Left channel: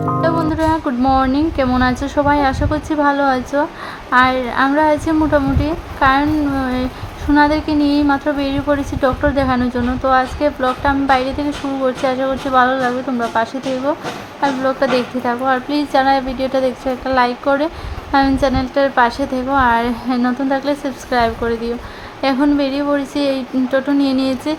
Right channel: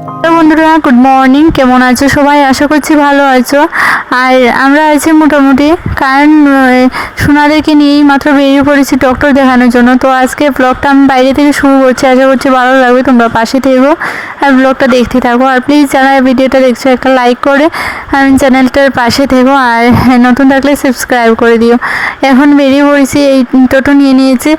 Hello বন্ধুরা, good morning. কেমন আছো সবাই? আশা করছি ভালো আছো। আর আমরা আছি মোটামুটি, কারণ সোনাদেরকে নিয়েই মাত্র বেরিয়ে পড়েছি ডক্টর দেখানোর জন্য। তো আজকে ব্লগটা আমি বাইরে থেকে শুরু করছি, আশা করছি ভালো লাগবে। তোমরা পাশে থেকো আর ব্লগটা দেখতে থাকো। আর প্লিজ যারা ভিডিওটা দেখছো একটা লাইক করে চ্যানেলটার পাশে থেকো, আর নতুন থাকলে সাবস্ক্রাইব করে দিও। এখন বেরিয়ে পড়েছি, এই টোটো নিয়ে নিয়েছি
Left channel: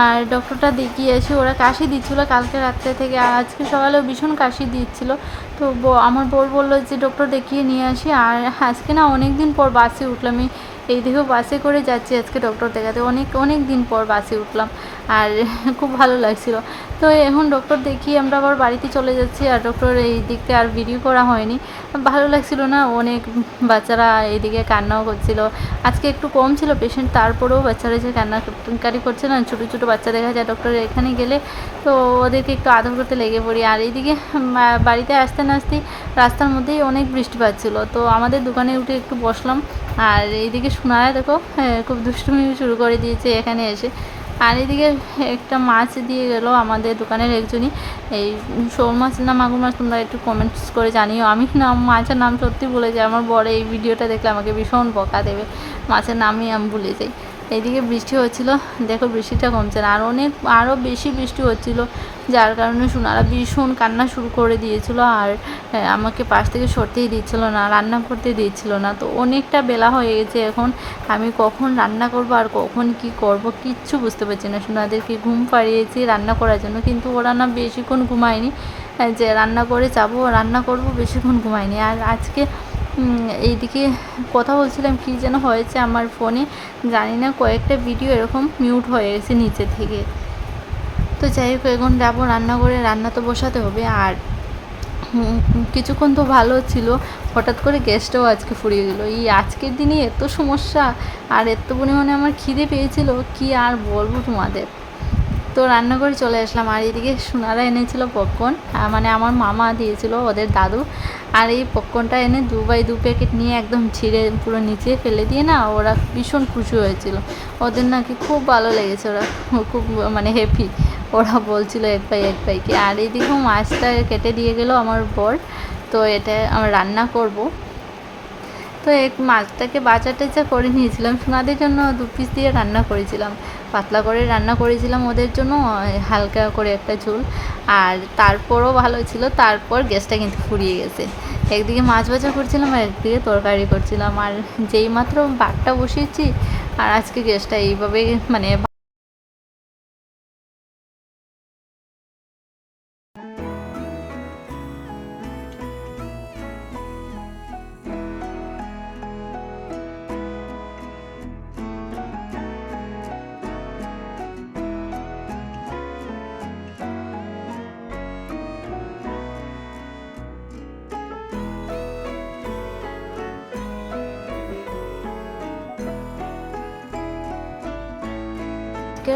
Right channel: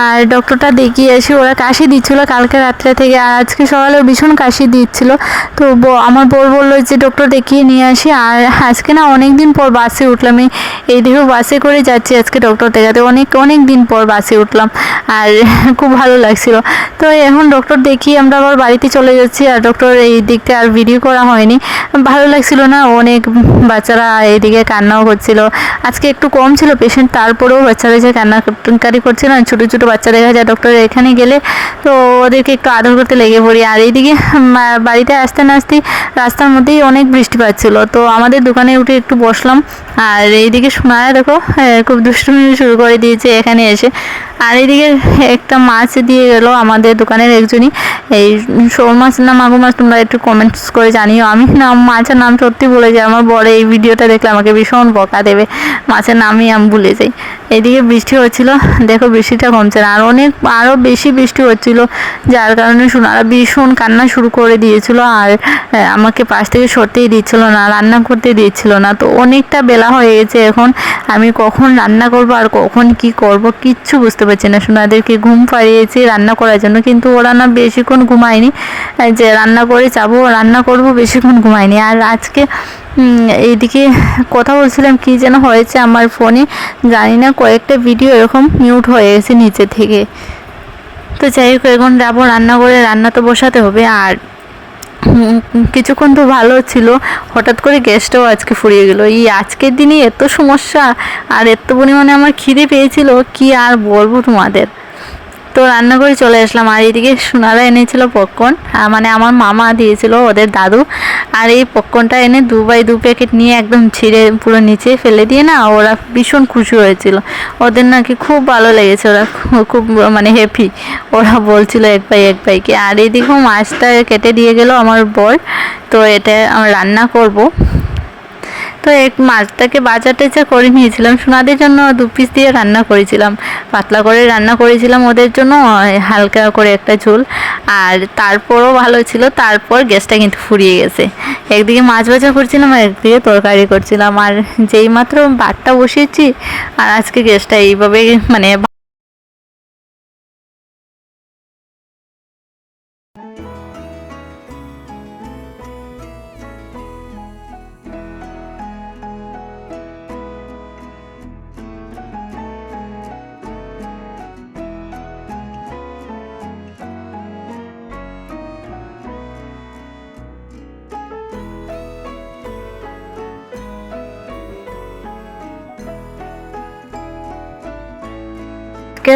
আর ডক্টরটা দেখিয়ে আসি। ওরা কাশি দিচ্ছিলো কালকে রাত্রে থেকে, আর আজকে সকালেও ভীষণ কাশি দিচ্ছিল। তো আমার বর বললো যে ডক্টর দেখিয়ে নিয়ে আসি। আর আজকে না অনেক দিন পর বাসে উঠলাম, এই দেখো বাসে করে যাচ্ছি আজকে ডক্টর দেখাতে। অনেক দিন পর বাসে উঠলাম আর খুব ভালো লাগছিল। তো এখন ডক্টর দেখিয়ে আমরা আবার বাড়িতে চলে যাচ্ছি। আর ডক্টর এই দিকটা আর ভিডিও করা হয়নি, ভালো লাগছিল না। অনেক বাচ্চারা এইদিকে কান্নাও করছিল। আজকে একটু কম ছিল পেশেন্ট, তারপরেও বাচ্চারা যে কান্নাকারি করছিল না, ছোটো ছোটো বাচ্চা দেখা যায় ডক্টরের এখানে গেলে, তো ওদেরকে একটু আদর করতে লেগে পড়ি। আর এইদিকে বাড়িতে আসতে না আসতেই রাস্তার মধ্যেই অনেক বৃষ্টি পাচ্ছিল, তো আমাদের দোকানে উঠে একটু বসলাম। আর এইদিকে সোনায়া দেখো খুব দুষ্টুমি শুরু করে দিয়েছে এখানে এসে। আর এইদিকে একটা মাছ দিয়ে গেল আমাদের দোকানের একজনই, এই শোল মাছ না মাগুর মাছ, তোমরা একটু কমেন্টস করে জানিও। আমি নাম মাছের নাম সত্যি ভুলে যাই, আমার বড় এই ভিডিওটা দেখলে আমাকে ভীষণ বকা দেবে, মাছের নামই আমি ভুলে যাই। এইদিকে বৃষ্টি হচ্ছিল, দেখো বৃষ্টিটা কমছে না, আর আরও বেশি বৃষ্টি হচ্ছিল, যার কারণে সোনারা ভীষণ কান্না শুরু করে দিয়েছিল। আর আমাকে পাশ থেকে সরতেই দিচ্ছিল না, রান্না করতে দিচ্ছিল না। তো অনেকটা বেলা হয়ে গেছে এখন, আমি কখন রান্না করব আর কখন কি করব কিচ্ছু বুঝতে পারছি না। সোনাদেরকে ঘুম পাড়িয়েছি রান্না করার জন্য, কিন্তু ওরা না বেশিক্ষণ ঘুমায়নি, যে রান্না করে যাবো রান্না করব, বেশিক্ষণ ঘুমায়নি। আর আজকে এইদিকে কথা বলছিলাম, কি যেন হয়েছে আমার ফোনে জানি না, কয়েকটা ভিডিও এরকম মিউট হয়ে গেছে নিচে থেকে। তো যাই হোক, এখন যাবো রান্না করে, রান্না তো বসাতে হবে। আর কিছুক্ষণ তো ভালো ছিল, হঠাৎ করে গ্যাসটাও আজকে ফুরিয়ে গেল। এই আজকের দিনে এত সমস্যা, আর এত পরিমাণে আমার খিদে পেয়েছিল কি আর বলবো তোমাদের। তো রান্না করে চলে আসলাম। আর এইদিকে সোনারা এনেছিল পপকর্ন, মানে আমার মামা দিয়েছিল ওদের দাদু। আর এই পপকর্নটা এনে 2 প্যাকেট নিয়ে একদম ছিঁড়ে পুরো নিচে ফেলে দিয়ে না, ওরা ভীষণ খুশি হয়েছিল। ওদের নাকি খুব ভালো লেগেছে, ওরা খুব মানে হ্যাপি, ওরা বলছিল এক ভাইকে। আর এইদিকেও মাছটা কেটে দিয়ে গেল আমার বর, তো এটা আমি রান্না করব। তো মাছটাকে বাজারটা করে নিয়েছিলাম সোনাদের জন্য, 2 পিস দিয়ে রান্না করেছিলাম, পাতলা করে রান্না করেছিলাম ওদের জন্য, হালকা করে একটা ঝোল। আর তারপরও ভালো ছিল, তারপর গ্যাসটা কিন্তু ফুরিয়ে গেছে। একদিকে মাছ ভাজা করছিলাম আর একদিকে তরকারি করছিলাম, আর যেই মাত্র ভাতটা বসিয়েছি, আর আজকে গ্যাসটা এইভাবে মানে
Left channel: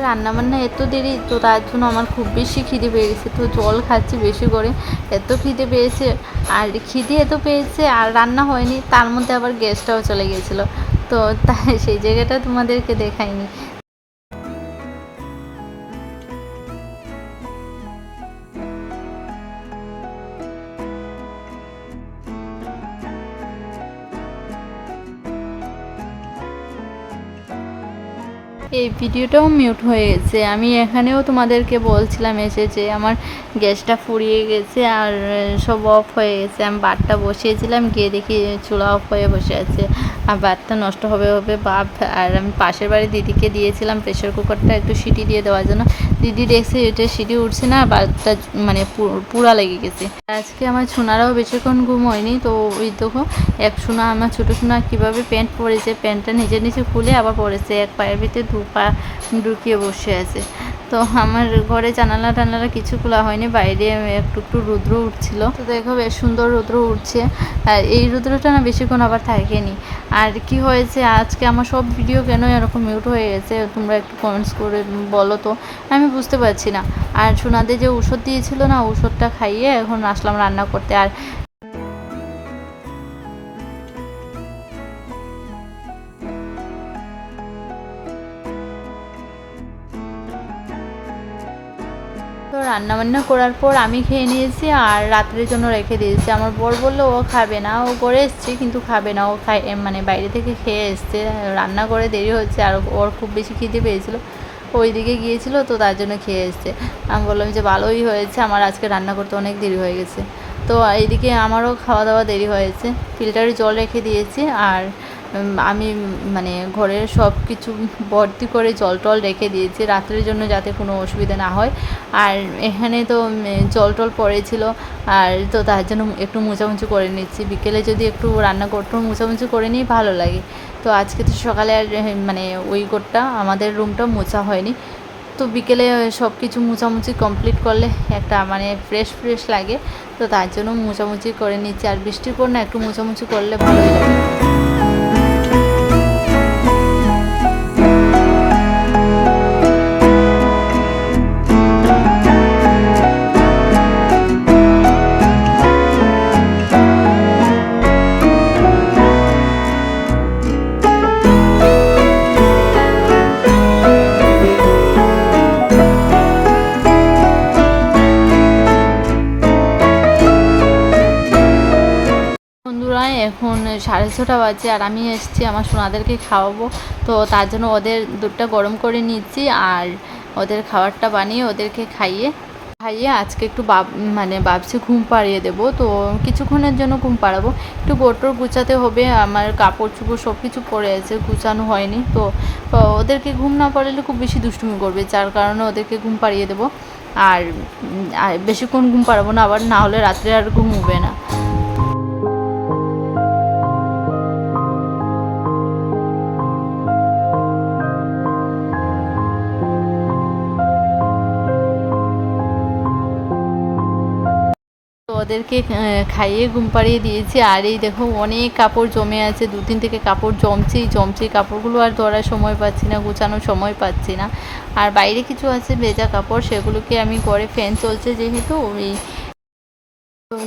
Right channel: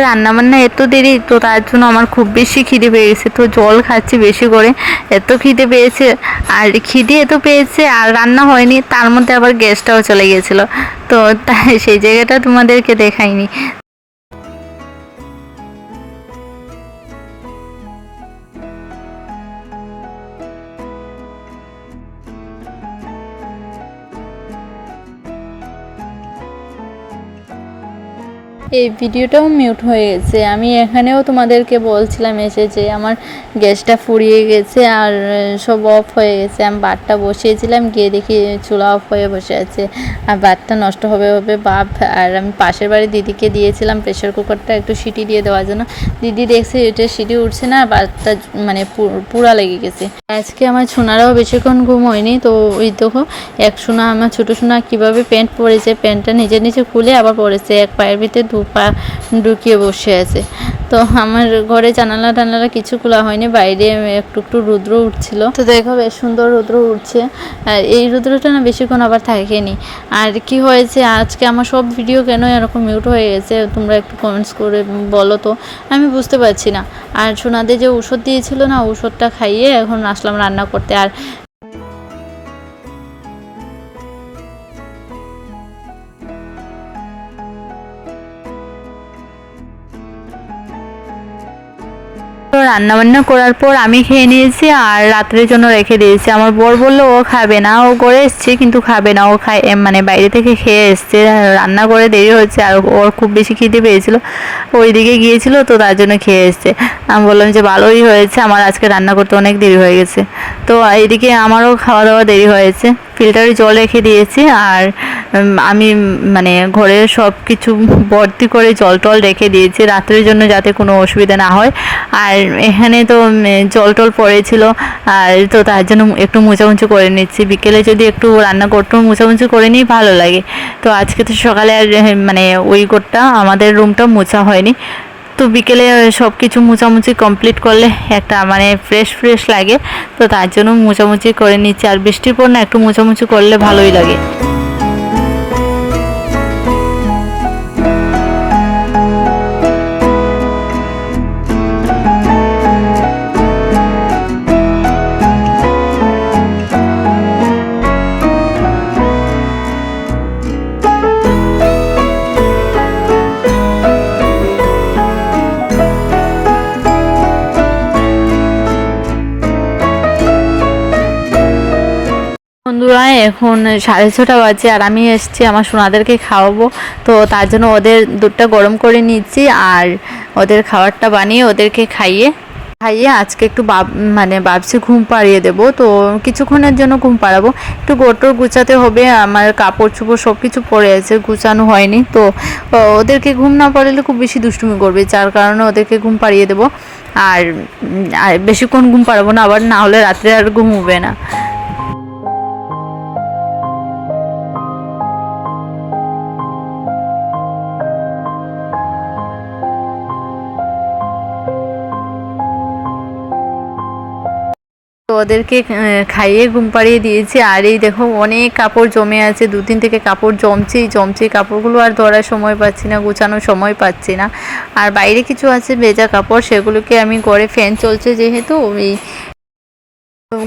রান্নাবান্না এত দেরি, তো তার জন্য আমার খুব বেশি খিদে পেয়ে গেছে, তো জল খাচ্ছি বেশি করে, এত খিদে পেয়েছে। আর খিদে এত পেয়েছে আর রান্না হয়নি, তার মধ্যে আবার গ্যাসটাও চলে গেছিলো, তো তাই সেই জায়গাটা তোমাদেরকে দেখাইনি। এই ভিডিওটাও মিউট হয়ে গেছে। আমি এখানেও তোমাদেরকে বলছিলাম এসে যে আমার গ্যাসটা ফুরিয়ে গেছে আর সব অফ হয়ে গেছে। আমি ভাতটা বসিয়েছিলাম, গিয়ে দেখি চুলা অফ হয়ে বসে আছে, আর ভাতটা নষ্ট হবে ভাব। আর আমি পাশের বাড়ি দিদিকে দিয়েছিলাম প্রেশার কুকারটা একটু সিটি দিয়ে দেওয়ার জন্য, দিদি দেখছে এটা সিটি উঠছে না, ভাতটা মানে পুরা লেগে গেছে। আজকে আমার সোনারাও বেশিক্ষণ ঘুম হয়নি, তো ওই দেখো এক সোনা, আমার ছোটো সোনা কীভাবে প্যান্ট পরেছে, প্যান্টটা নিজে খুলে আবার পরেছে, এক পায়ের ভিতরে 2 পা ঢুকিয়ে বসে আছে। তো আমার ঘরে জানালা টানালা কিছু খোলা হয়নি, বাইরে একটু রৌদ্র উঠছিল, তো দেখো বেশ সুন্দর রৌদ্র উঠছে। আর এই রৌদ্রটা না বেশিক্ষণ আবার থাকেনি। আর কি হয়েছে আজকে আমার সব ভিডিও কেন এরকম মিউট হয়ে গেছে, তোমরা একটু কমেন্টস করে বলো তো, আমি বুঝতে পারছি না। আর সোনাদের যে ওষুধ দিয়েছিল না, ওষুধটা খাইয়ে এখন আসলাম রান্না করতে। আর রান্নাবান্না করার পর আমি খেয়ে নিয়েছি আর রাত্রের জন্য রেখে দিয়েছি। আমার বর বললো ও খাবে না, ও করে এসছে কিন্তু খাবে না, ও খায় মানে বাইরে থেকে খেয়ে এসছে, রান্না করে দেরি হচ্ছে আর ওর খুব বেশি খিদে পেয়েছিল, ওইদিকে গিয়েছিল তো তার জন্য খেয়ে এসছে। আমি বললাম যে ভালোই হয়েছে, আমার আজকে রান্না করতে অনেক দেরি হয়ে গেছে। তো এইদিকে আমারও খাওয়া দাওয়া দেরি হয়েছে, ফিল্টারে জল রেখে দিয়েছি আর আমি মানে ঘরে সব কিছু ভর্তি করে জল টল রেখে দিয়েছি রাত্রের জন্য যাতে কোনো অসুবিধা না হয়। আর এখানে তো জল টল পড়েছিল আর তো তার জন্য একটু মোছামুছি করে নিচ্ছি। বিকেলে যদি একটু রান্না করতে মোছামুছি করে নিই ভালো লাগে। তো আজকে তো সকালে আর মানে ওই ঘরটা আমাদের রুমটা মোছা হয়নি, তো বিকেলে সব কিছু মোছামুছি কমপ্লিট করলে একটা মানে ফ্রেশ ফ্রেশ লাগে, তো তার জন্য মোছামুছি করে নিচ্ছি। আর বৃষ্টির পর না একটু মোছামুছি করলে ভালোই লাগে। বন্ধুরা এখন 6:30 বাজে আর আমি এসেছি আমার সোনাদেরকে খাওয়াবো, তো তার জন্য ওদের দুধটা গরম করে নিচ্ছি আর ওদের খাবারটা বানিয়ে ওদেরকে খাইয়ে আজকে একটু মানে ভাবছি ঘুম পাড়িয়ে দেবো। তো কিছুক্ষণের জন্য ঘুম পাড়াবো, একটু গোটর গুছাতে হবে, আমার কাপড় চোপড় সব কিছু পড়ে আছে, গুছানো হয়নি। তো ওদেরকে ঘুম না পাড়ালে খুব বেশি দুষ্টুমি করবে, যার কারণে ওদেরকে ঘুম পাড়িয়ে দেবো। আর বেশিক্ষণ ঘুম পাড়াবো না, আবার না হলে রাত্রে আর ঘুম হবে না। তো ওদেরকে খাইয়ে ঘুম পাড়িয়ে দিয়েছি। আর এই দেখো অনেক কাপড় জমে আছে, 2-3 থেকে কাপড় জমছেই কাপড়গুলো আর ধরার সময় পাচ্ছি না, গোছানোর সময় পাচ্ছি না। আর বাইরে কিছু আছে ভেজা কাপড়, সেগুলোকে আমি ঘরে ফ্যান চলছে যেহেতু ওই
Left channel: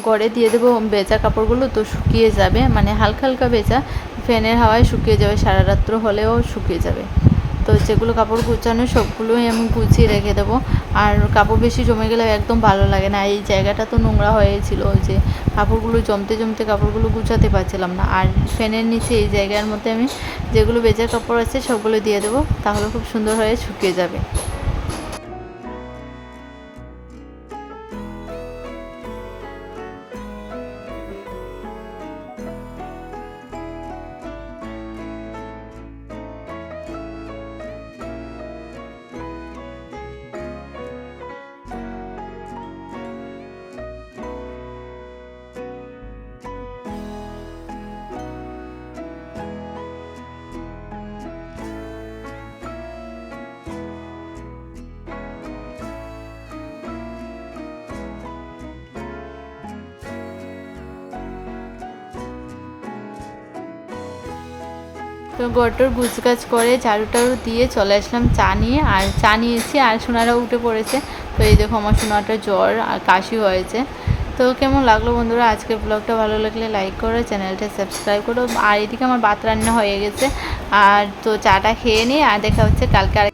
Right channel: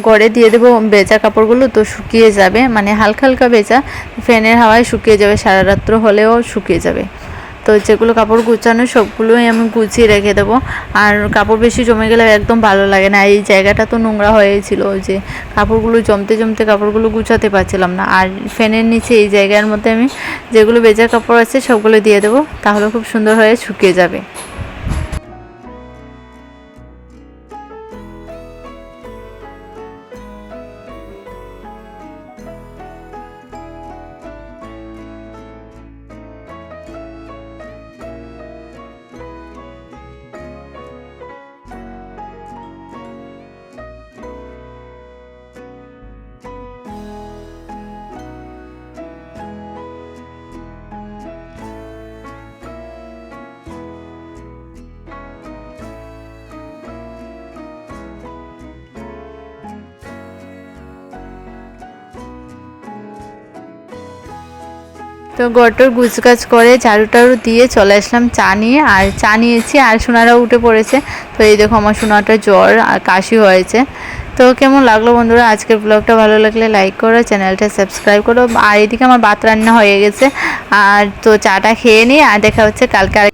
ঘরে দিয়ে দেবো ভেজা কাপড়গুলো, তো শুকিয়ে যাবে, মানে হালকা হালকা ভেজা, ফ্যানের হাওয়ায় শুকিয়ে যাবে, সারা রাত্র হলেও শুকিয়ে যাবে। তো যেগুলো কাপড় গুছানো সবগুলোই আমি গুছিয়ে রেখে দেবো। আর কাপড় বেশি জমে গেলে একদম ভালো লাগে না, এই জায়গাটা তো নোংরা হয়েছিল যে কাপড়গুলো জমতে কাপড়গুলো গুছাতে পারছিলাম না। আর ফ্যানের নিচে এই জায়গার মধ্যে আমি যেগুলো ভেজা কাপড় আছে সবগুলো দিয়ে দেবো, তাহলে খুব সুন্দর হয়ে শুকিয়ে যাবে। তো ঘরটোর গুছগাছ করে ঝাড়ু টাড়ু দিয়ে চলে আসলাম চা নিয়ে, আর চা নিয়েছি আর সোনারাও উঠে পড়েছে। তো এই দেখো আমার সোনাটা জ্বর আর কাশি হয়েছে। তো কেমন লাগলো বন্ধুরা আজকের ব্লগটা? ভালো লাগলে লাইক করো, চ্যানেলটা সাবস্ক্রাইব করো। আর এদিকে আমার ভাত রান্না হয়ে গেছে, আর তো চাটা খেয়ে নিই আর দেখা হচ্ছে কালকে।